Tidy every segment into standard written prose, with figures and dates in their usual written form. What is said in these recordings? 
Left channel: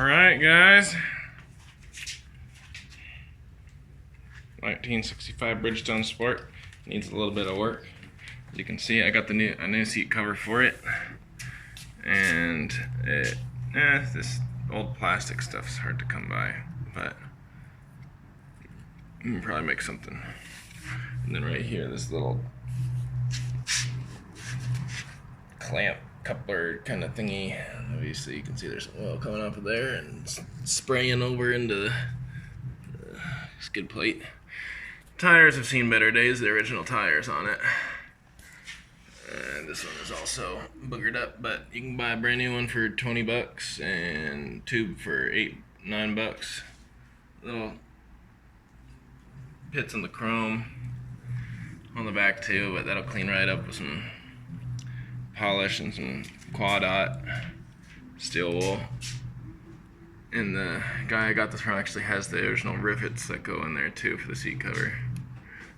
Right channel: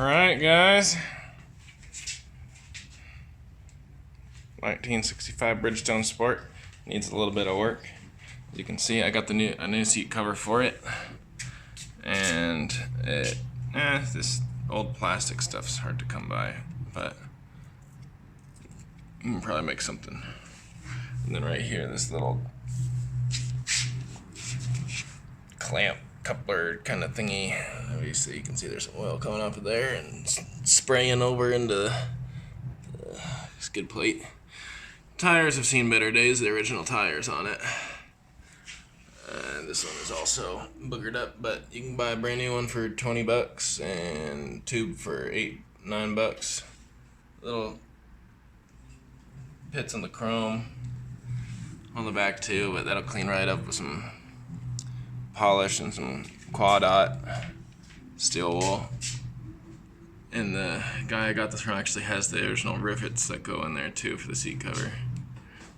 Alright guys, 1965 Bridgestone Sport needs a little bit of work. As you can see, I got a new seat cover for it, and this old plastic stuff's hard to come by, but you can probably make something. And then right here, this little clamp coupler kind of thingy. Obviously you can see there's oil coming off of there and spraying over into the skid plate. Tires have seen better days, the original tires on it. This one is also boogered up, but you can buy a brand new one for 20 bucks and tube for $9 bucks. Little pits on the chrome on the back too, but that'll clean right up with some polish and some quad-dot steel wool. And the guy I got this from actually has the original rivets that go in there too for the seat cover.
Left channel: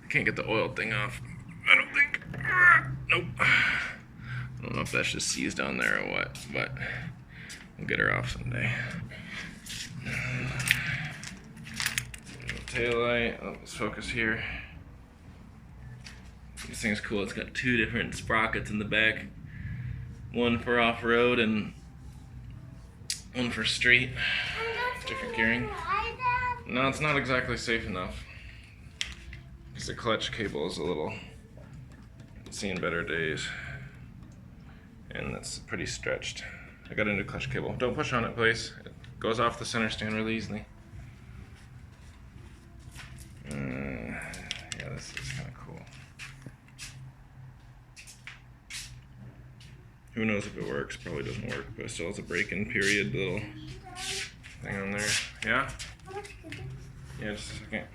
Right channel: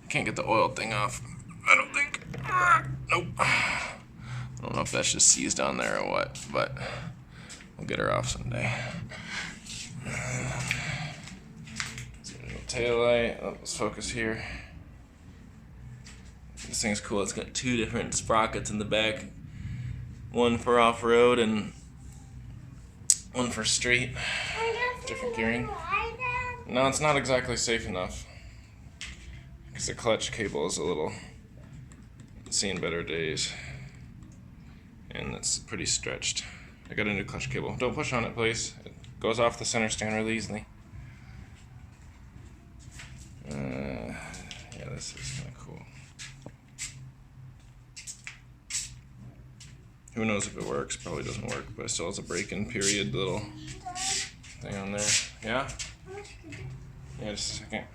I can't get the oil thing off, I don't think. Nope. I don't know if that's just seized on there or what, but we'll get her off someday. Tail light. Let's focus here. This thing is cool. It's got two different sprockets in the back. One for off-road and one for street. Different gearing. No, it's not exactly safe enough, because the clutch cable is a little seen better days, and that's pretty stretched. I got a new clutch cable. Don't push on it, please. It goes off the center stand really easily. Yeah, this is kind of cool. Who knows if it works? Probably doesn't work, but it still has a break-in period little thing on there. Yeah? Yeah, just a second.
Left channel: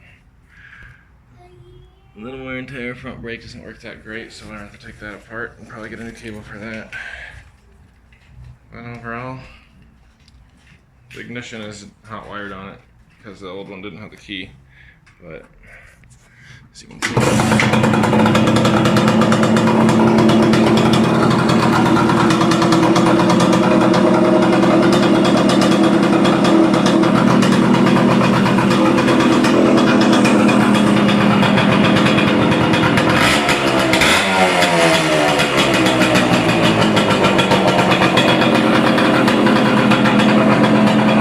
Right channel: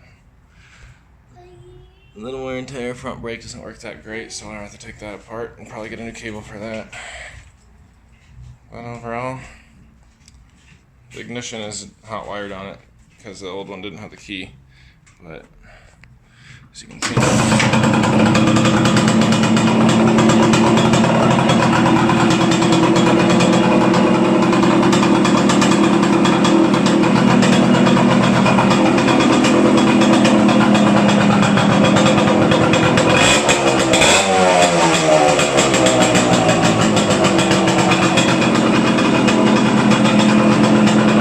A little wear and tear. Front brake doesn't work that great, so I'll have to take that apart and probably get a new cable for that. But overall, the ignition is hot wired on it because the old one didn't have the key. But as you can see,